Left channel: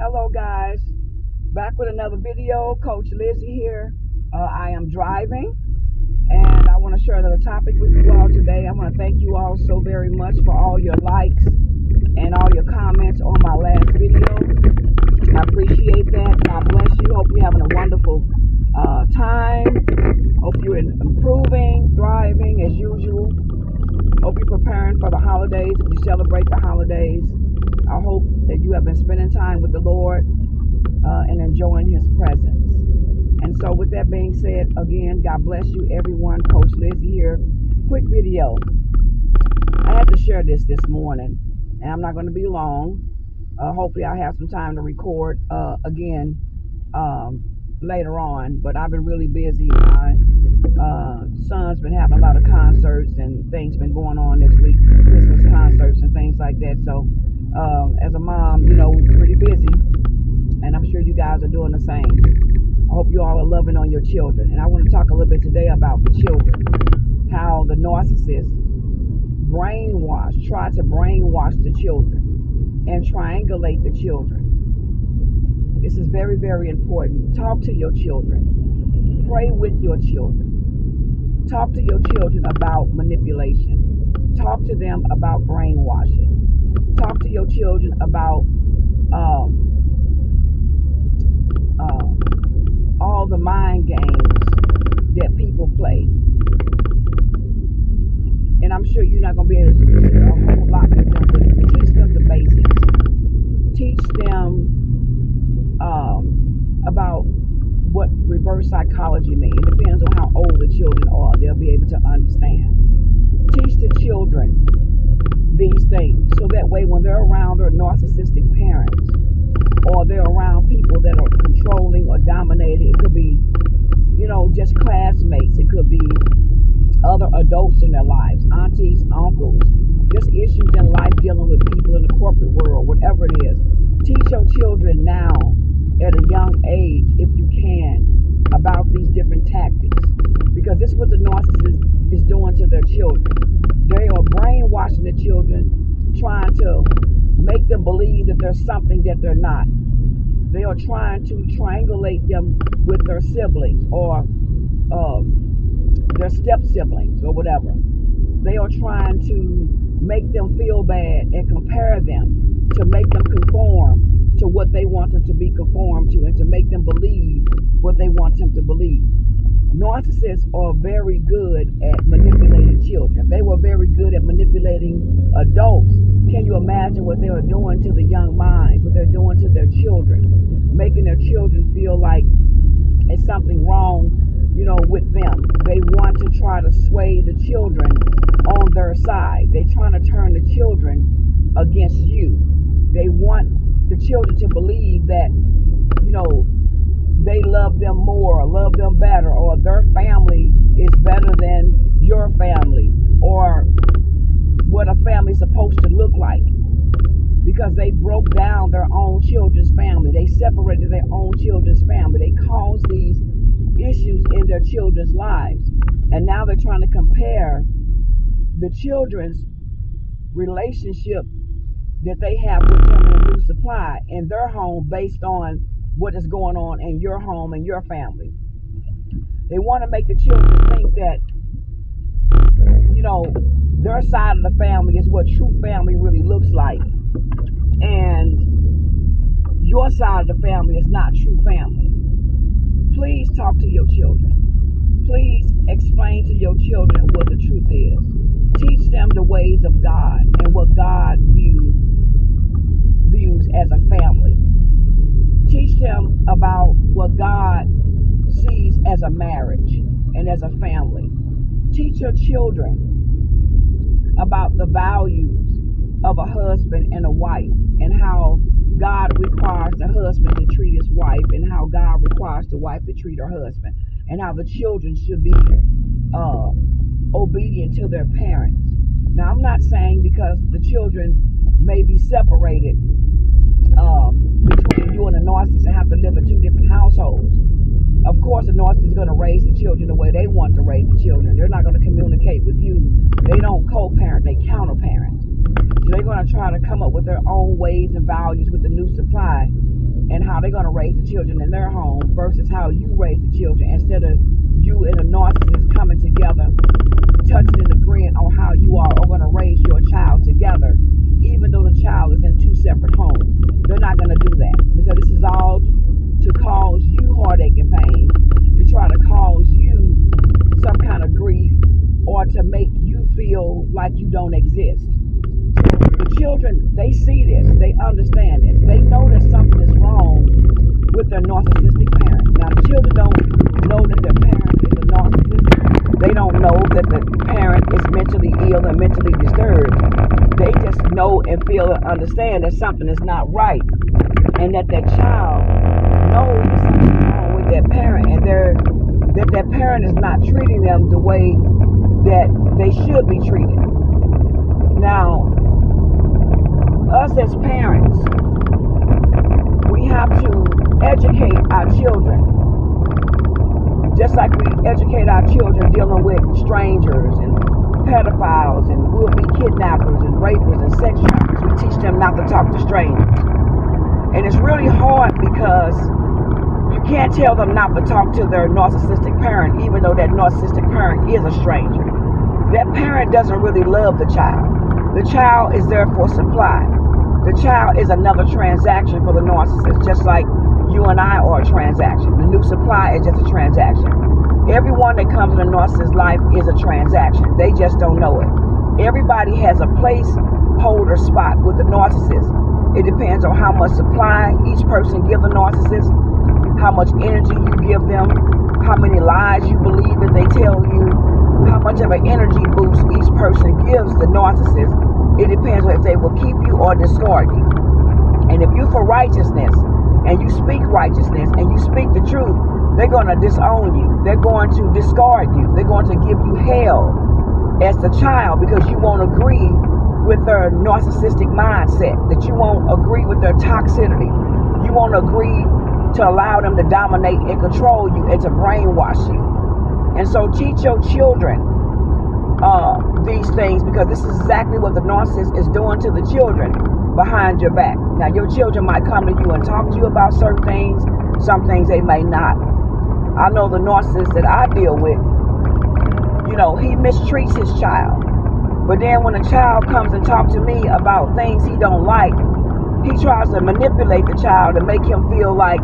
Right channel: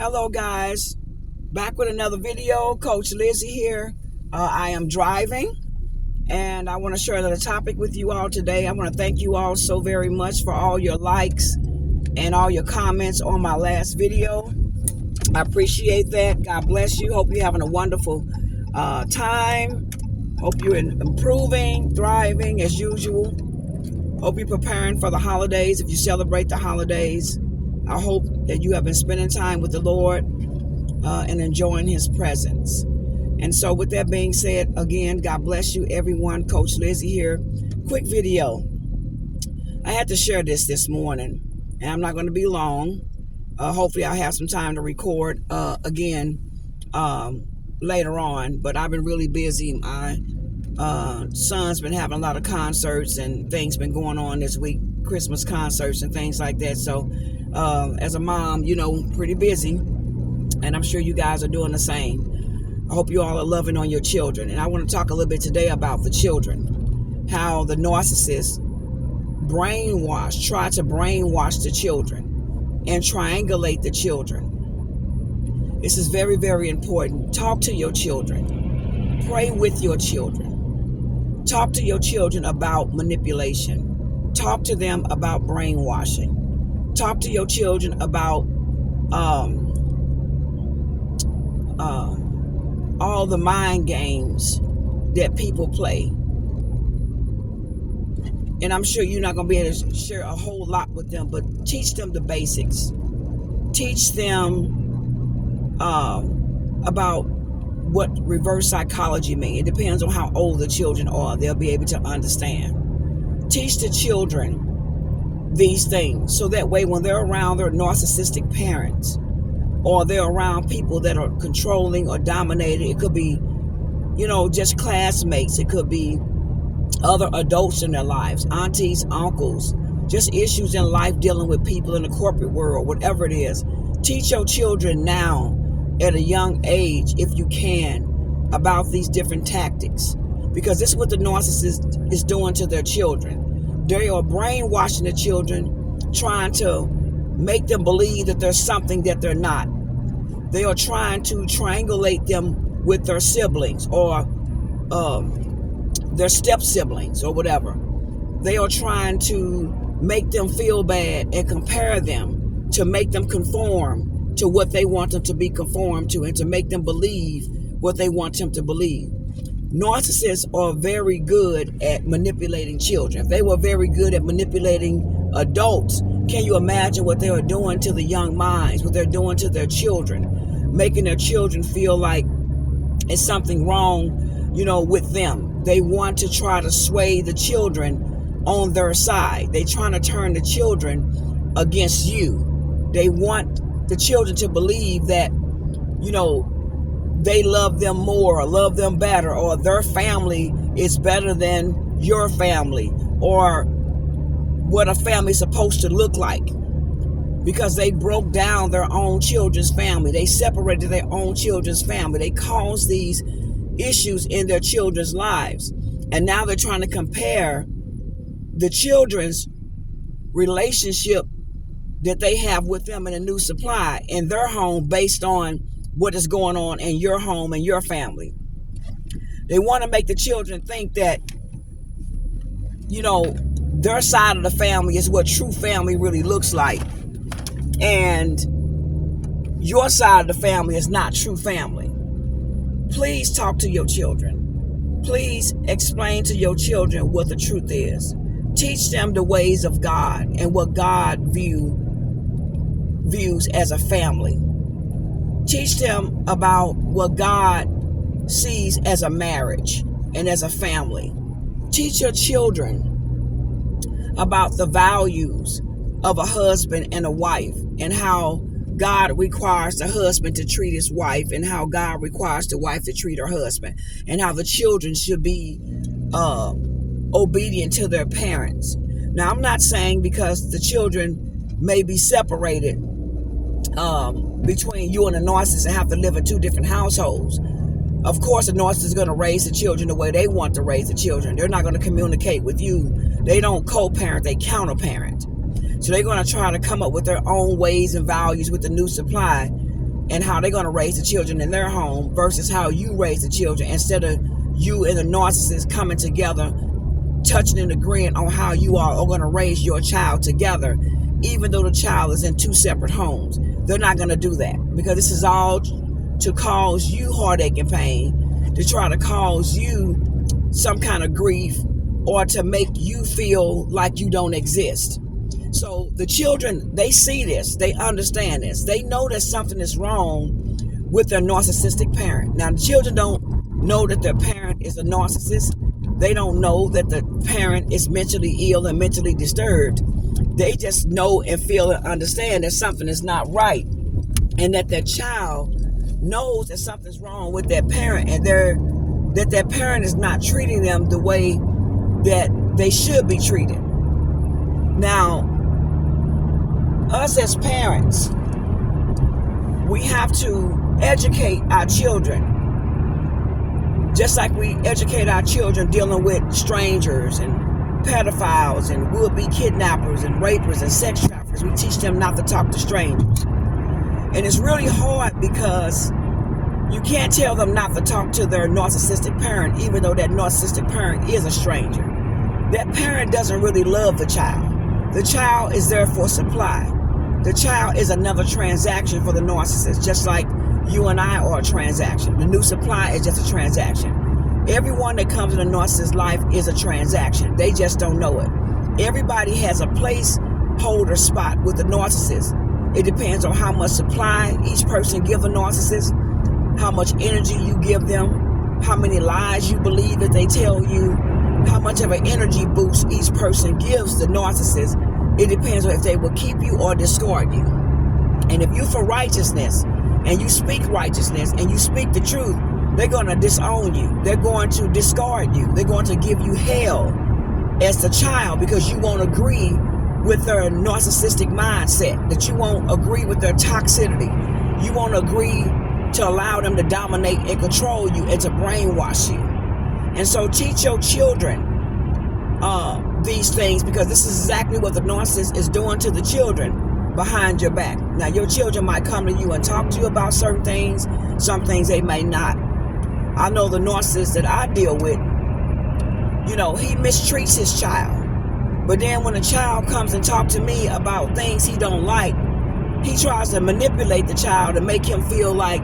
Hello guys, back with another video. Coach Lizzie here. I am driving and I want to share another topic with you all today. I want to thank you all so very much for all your likes and all your comments on my last video. I appreciate that. God bless you. Hope you're having a wonderful time. Hope you're improving, thriving as usual. Hope you're preparing for the holidays if you celebrate the holidays. I hope that you have been spending time with the Lord and enjoying His presence. And so with that being said, again, God bless you, everyone. Coach Lizzie here. Quick video. I had to share this morning, and I'm not going to be long. Hopefully I'll have some time to record again later on, but I've been really busy. My son's been having a lot of concerts and things been going on this week, Christmas concerts and things like that. So as a mom, pretty busy, and I'm sure you guys are doing the same. I hope you all are loving on your children, and I want to talk a little bit today about the children, how the narcissists try to brainwash the children and triangulate the children. This is very, very important. Talk to your children. Pray with your children. Talk to your children about manipulation. Talk to them about brainwashing. Talk to your children about all the mind games that people play. And I'm sure you're not going to be able to share a whole lot with them, but teach them the basics. Teach them about what reverse psychology means. It depends on how old the children are. They'll be able to understand. Teach the children these things so that way when they're around their narcissistic parents or they're around people that are controlling or dominating, it could be, just classmates. It could be other adults in their lives, aunties, uncles, just issues in life dealing with people in the corporate world, whatever it is. Teach your children now at a young age, if you can, about these different tactics, because this is what the narcissist is doing to their children. They are brainwashing the children, trying to make them believe that there's something that they're not. They are trying to triangulate them with their siblings or their step siblings or whatever. They are trying to make them feel bad and compare them to make them conform to what they want them to be conformed to and to make them believe what they want them to believe. Narcissists are very good at manipulating children. If they were very good at manipulating adults, can you imagine what they are doing to the young minds, what they're doing to their children, making their children feel like it's something wrong, with them. They want to try to sway the children on their side. They're trying to turn the children against you. They want the children to believe that, they love them more or love them better, or their family is better than your family, or what a family is supposed to look like, because they broke down their own children's family. They separated their own children's family. They caused these issues in their children's lives. And now they're trying to compare the children's relationship that they have with them in a new supply in their home based on what is going on in your home and your family. They want to make the children think that, their side of the family is what true family really looks like. And your side of the family is not true family. Please talk to your children. Please explain to your children what the truth is. Teach them the ways of God and what God views as a family. Teach them about what God sees as a marriage and as a family. Teach your children about the values of a husband and a wife, and how God requires the husband to treat his wife, and how God requires the wife to treat her husband, and how the children should be obedient to their parents. Now, I'm not saying because the children may be separated between you and a narcissist and have to live in two different households. Of course, a narcissist is going to raise the children the way they want to raise the children. They're not going to communicate with you. They don't co-parent, they counter-parent. So they're going to try to come up with their own ways and values with the new supply and how they're going to raise the children in their home versus how you raise the children, instead of you and the narcissist coming together, touching and agreeing on how you all are going to raise your child together, even though the child is in two separate homes. They're not going to do that, because this is all to cause you heartache and pain, to try to cause you some kind of grief, or to make you feel like you don't exist. So the children, they see this, they understand this, they know that something is wrong with their narcissistic parent. Now, the children don't know that their parent is a narcissist. They don't know that the parent is mentally ill and mentally disturbed. They just know and feel and understand that something is not right, and that their child knows that something's wrong with their parent, and that their parent is not treating them the way that they should be treated. Now, us as parents, we have to educate our children, just like we educate our children dealing with strangers and pedophiles and would-be kidnappers and rapists and sex traffickers. We teach them not to talk to strangers. And it's really hard, because you can't tell them not to talk to their narcissistic parent, even though that narcissistic parent is a stranger. That parent doesn't really love the child. The child is there for supply. The child is another transaction for the narcissist, just like you and I are a transaction. The new supply is just a transaction. Everyone that comes in a narcissist's life is a transaction. They just don't know it. Everybody has a placeholder spot with the narcissist. It depends on how much supply each person gives the narcissist, how much energy you give them, how many lies you believe that they tell you, how much of an energy boost each person gives the narcissist. It depends on if they will keep you or discard you. And if you for righteousness, and you speak righteousness, and you speak the truth, they're going to disown you. They're going to discard you. They're going to give you hell as the child, because you won't agree with their narcissistic mindset, that you won't agree with their toxicity. You won't agree to allow them to dominate and control you and to brainwash you. And so teach your children these things, because this is exactly what the narcissist is doing to the children behind your back. Now, your children might come to you and talk to you about certain things. Some things they may not. I know the narcissist that I deal with, he mistreats his child. But then when a child comes and talks to me about things he don't like, he tries to manipulate the child to make him feel like,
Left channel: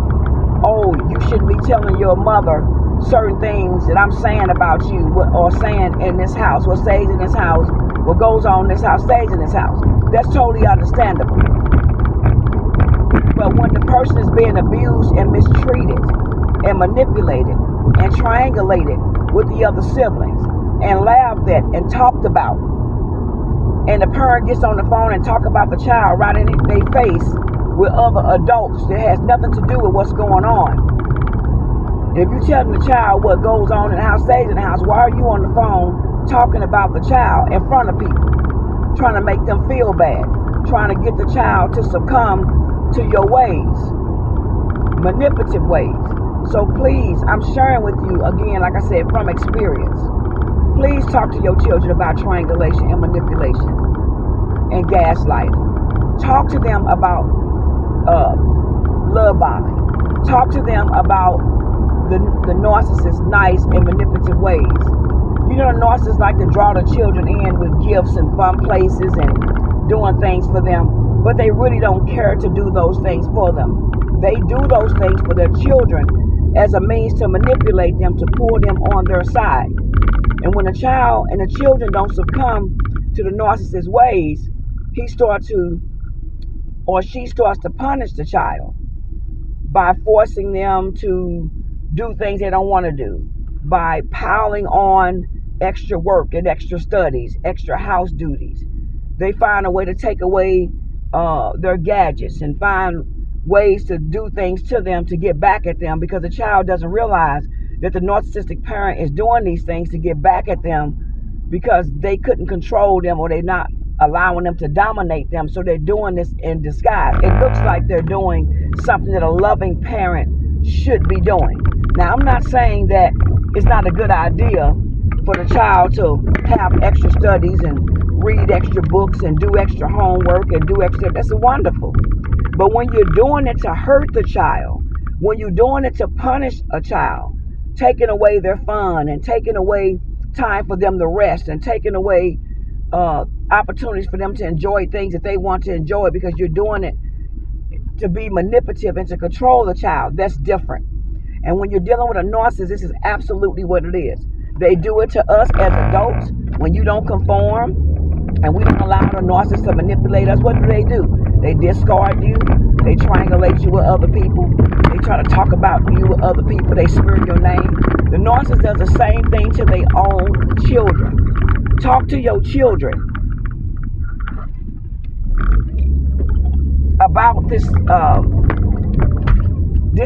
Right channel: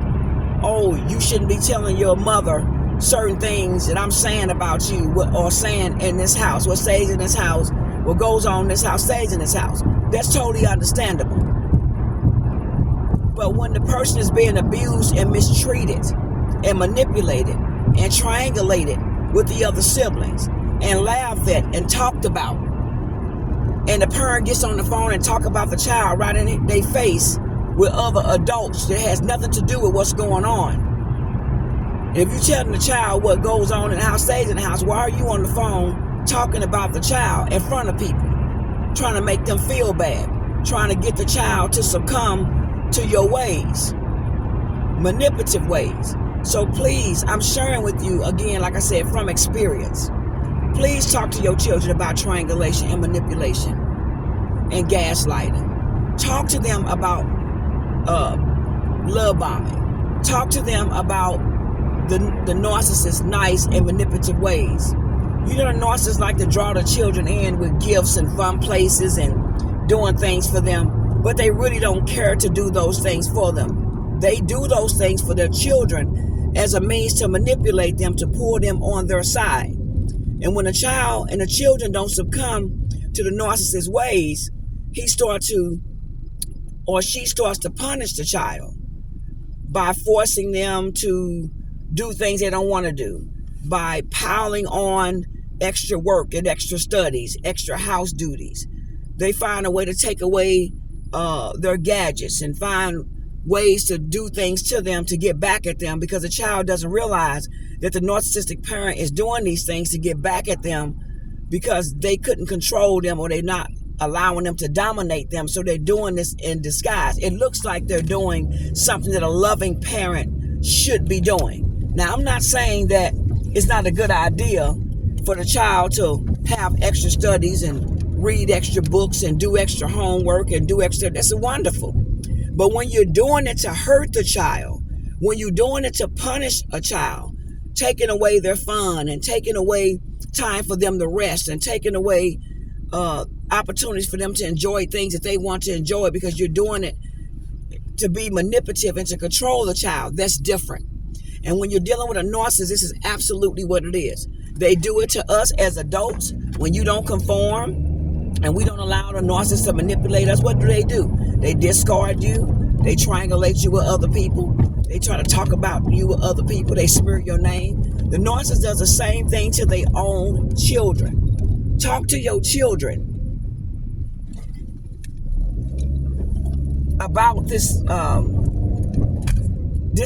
oh, you shouldn't be telling your mother certain things that I'm saying about you, or saying in this house, what stays in this house, what goes on in this house stays in this house. That's totally understandable. But when the person is being abused and mistreated and manipulated and triangulated with the other siblings and laughed at and talked about, and the parent gets on the phone and talk about the child right in their face with other adults that has nothing to do with what's going on. If you tell the child what goes on in the house stays in the house, why are you on the phone talking about the child in front of people, trying to make them feel bad, trying to get the child to succumb to your ways, manipulative ways? So please, I'm sharing with you, again, like I said, from experience. Please talk to your children about triangulation and manipulation and gaslighting. Talk to them about love bombing. Talk to them about the narcissist's nice and manipulative ways. The narcissists like to draw the children in with gifts and fun places and doing things for them, but they really don't care to do those things for them. They do those things for their children as a means to manipulate them, to pull them on their side. And when a child and the children don't succumb to the narcissist's ways, he starts to, or she starts to punish the child by forcing them to do things they don't want to do, by piling on extra work and extra studies, extra house duties. They find a way to take away their gadgets and find ways to do things to them to get back at them, because the child doesn't realize that the narcissistic parent is doing these things to get back at them because they couldn't control them, or they're not allowing them to dominate them. So they're doing this in disguise. It looks like they're doing something that a loving parent should be doing. Now, I'm not saying that it's not a good idea for the child to have extra studies and read extra books and do extra homework and do extra. That's wonderful. But when you're doing it to hurt the child, when you're doing it to punish a child, taking away their fun and taking away time for them to rest and taking away opportunities for them to enjoy things that they want to enjoy because you're doing it to be manipulative and to control the child, that's different. And when you're dealing with a narcissist, this is absolutely what it is. They do it to us as adults when you don't conform and we don't allow the narcissist to manipulate us. What do? They discard you. They triangulate you with other people. They try to talk about you with other people. They smear your name. The narcissist does the same thing to their own children. Talk to your children about this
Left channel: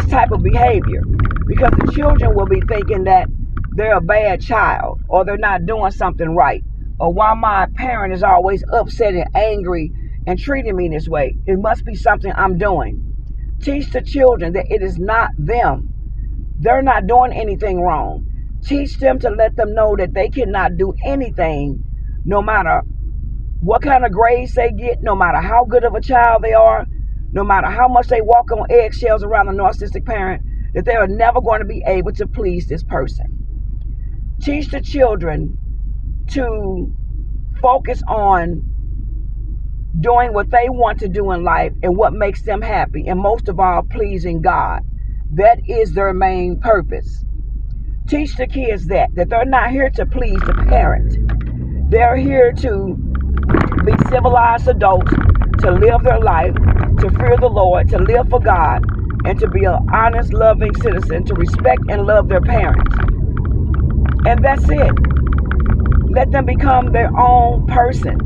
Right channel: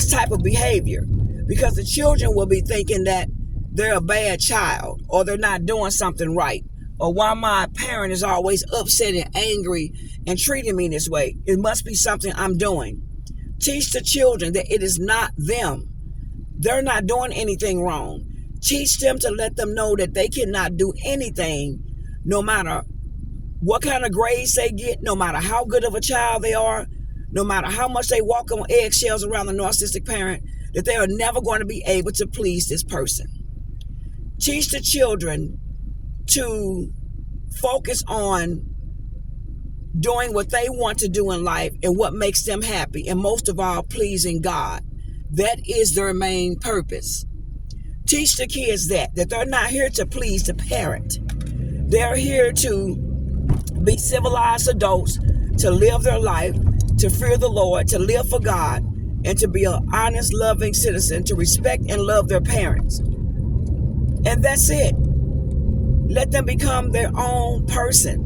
type of behavior, because the children will be thinking that they're a bad child or they're not doing something right, or why my parent is always upset and angry and treating me this way. It must be something I'm doing. Teach the children that it is not them. They're not doing anything wrong. Teach them to let them know that they cannot do anything, no matter what kind of grades they get, no matter how good of a child they are, no matter how much they walk on eggshells around the narcissistic parent, that they are never going to be able to please this person. Teach the children to focus on doing what they want to do in life and what makes them happy, and most of all, pleasing God. That is their main purpose. Teach the kids that they're not here to please the parent. They're here to be civilized adults, to live their life, to fear the Lord, to live for God, and to be an honest, loving citizen, to respect and love their parents. And that's it. Let them become their own person.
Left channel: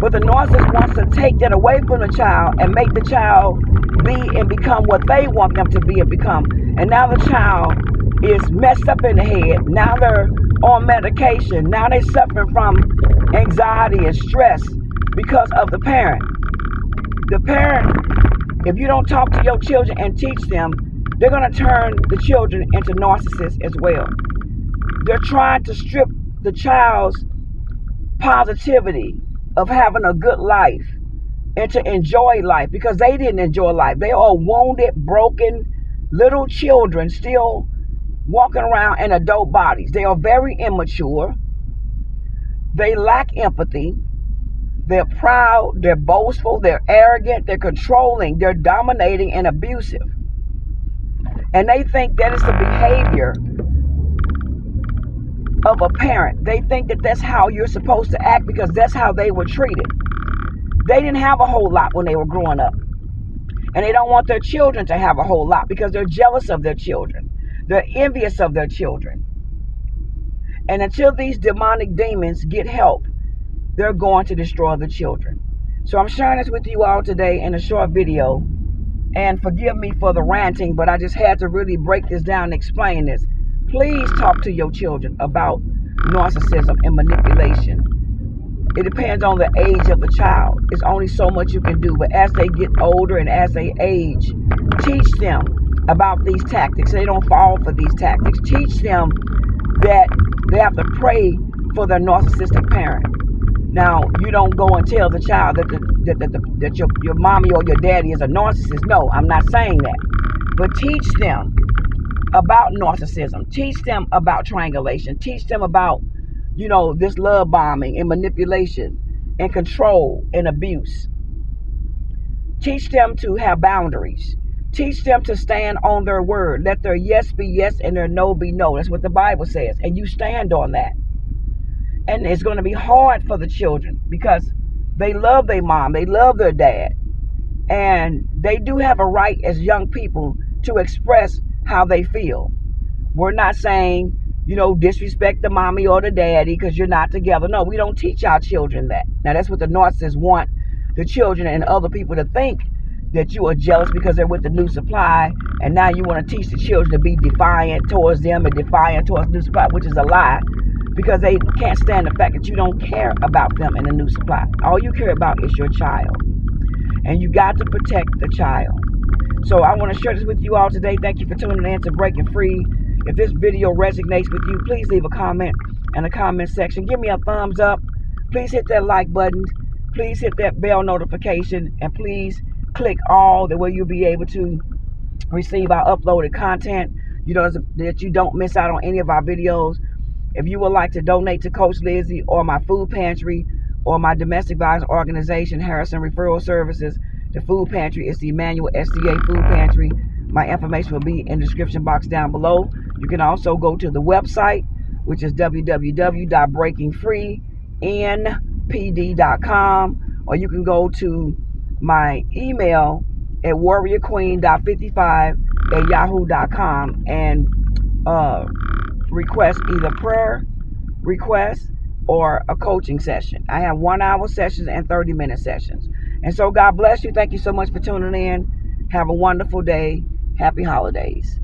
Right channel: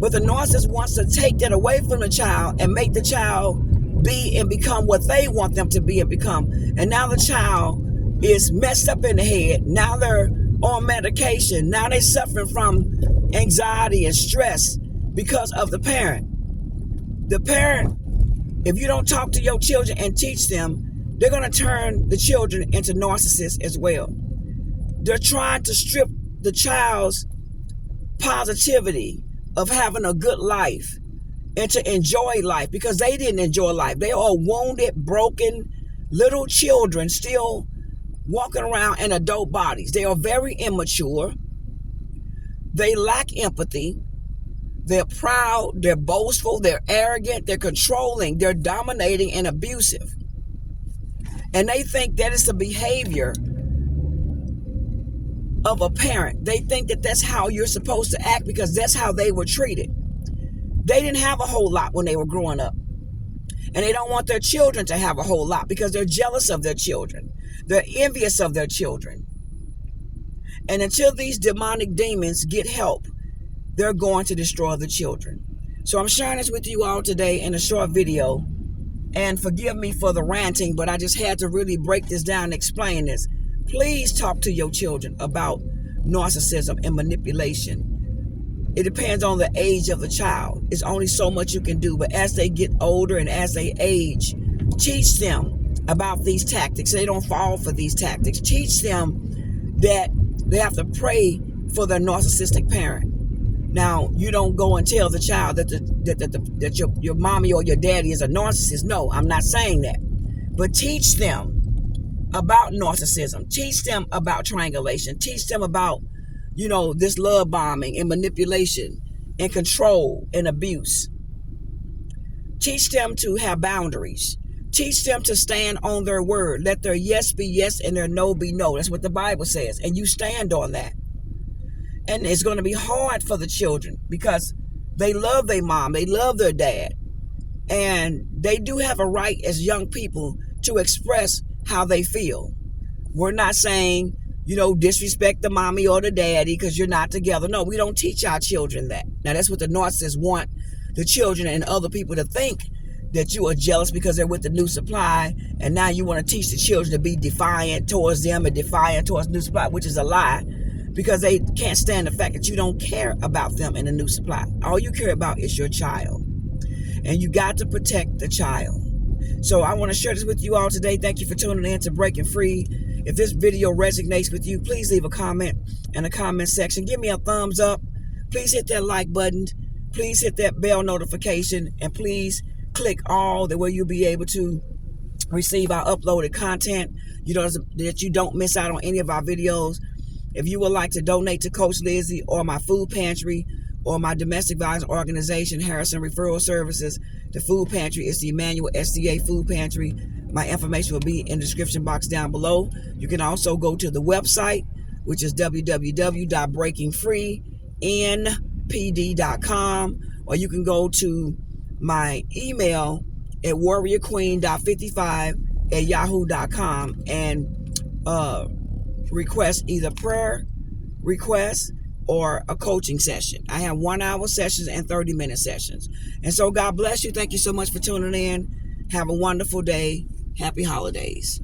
But the narcissist wants to take that away from the child and make the child be and become what they want them to be and become. And now the child is messed up in the head. Now they're on medication. Now they're suffering from anxiety and stress because of the parent. The parent, if you don't talk to your children and teach them, they're going to turn the children into narcissists as well. They're trying to strip the child's positivity of having a good life and to enjoy life, because they didn't enjoy life. They are wounded, broken little children still walking around in adult bodies. They are very immature. They lack empathy. They're proud. They're boastful. They're arrogant. They're controlling. They're dominating and abusive. And they think that is the behavior of a parent. They think that that's how you're supposed to act because that's how they were treated. They didn't have a whole lot when they were growing up. And they don't want their children to have a whole lot because they're jealous of their children. They're envious of their children. And until these demonic demons get help, they're going to destroy the children. So I'm sharing this with you all today in a short video. And forgive me for the ranting, but I just had to really break this down and explain this. Please talk to your children about narcissism and manipulation. It depends on the age of the child. It's only so much you can do. But as they get older and as they age, teach them about these tactics. They don't fall for these tactics. Teach them that they have to pray for their narcissistic parent. Now, you don't go and tell the child that your mommy or your daddy is a narcissist. No, I'm not saying that. But teach them about narcissism. Teach them about triangulation. Teach them about, this love bombing and manipulation and control and abuse. Teach them to have boundaries. Teach them to stand on their word. Let their yes be yes and their no be no. That's what the Bible says. And you stand on that. And it's going to be hard for the children because they love their mom. They love their dad. And they do have a right as young people to express how they feel. We're not saying, disrespect the mommy or the daddy because you're not together. No, we don't teach our children that. Now, that's what the narcissists want the children and other people to think, that you are jealous because they're with the new supply. And now you want to teach the children to be defiant towards them and defiant towards new supply, which is a lie. Because they can't stand the fact that you don't care about them in the new supply. All you care about is your child. And you got to protect the child. So I want to share this with you all today. Thank you for tuning in to Breaking Free. If this video resonates with you, please leave a comment in the comment section. Give me a thumbs up. Please hit that like button. Please hit that bell notification. And please click all, that way you'll be able to receive our uploaded content. You know, that you don't miss out on any of our videos. If you would like to donate to Coach Lizzie or my food pantry or my domestic violence organization, Harrison Referral Services, the food pantry is the Emmanuel SDA Food Pantry. My information will be in the description box down below. You can also go to the website, which is www.breakingfreenpd.com, or you can go to my email at warriorqueen.55@yahoo.com and request either prayer requests or a coaching session. I have 1-hour sessions and 30-minute sessions. And so God bless you. Thank you so much for tuning in. Have a wonderful day. Happy holidays.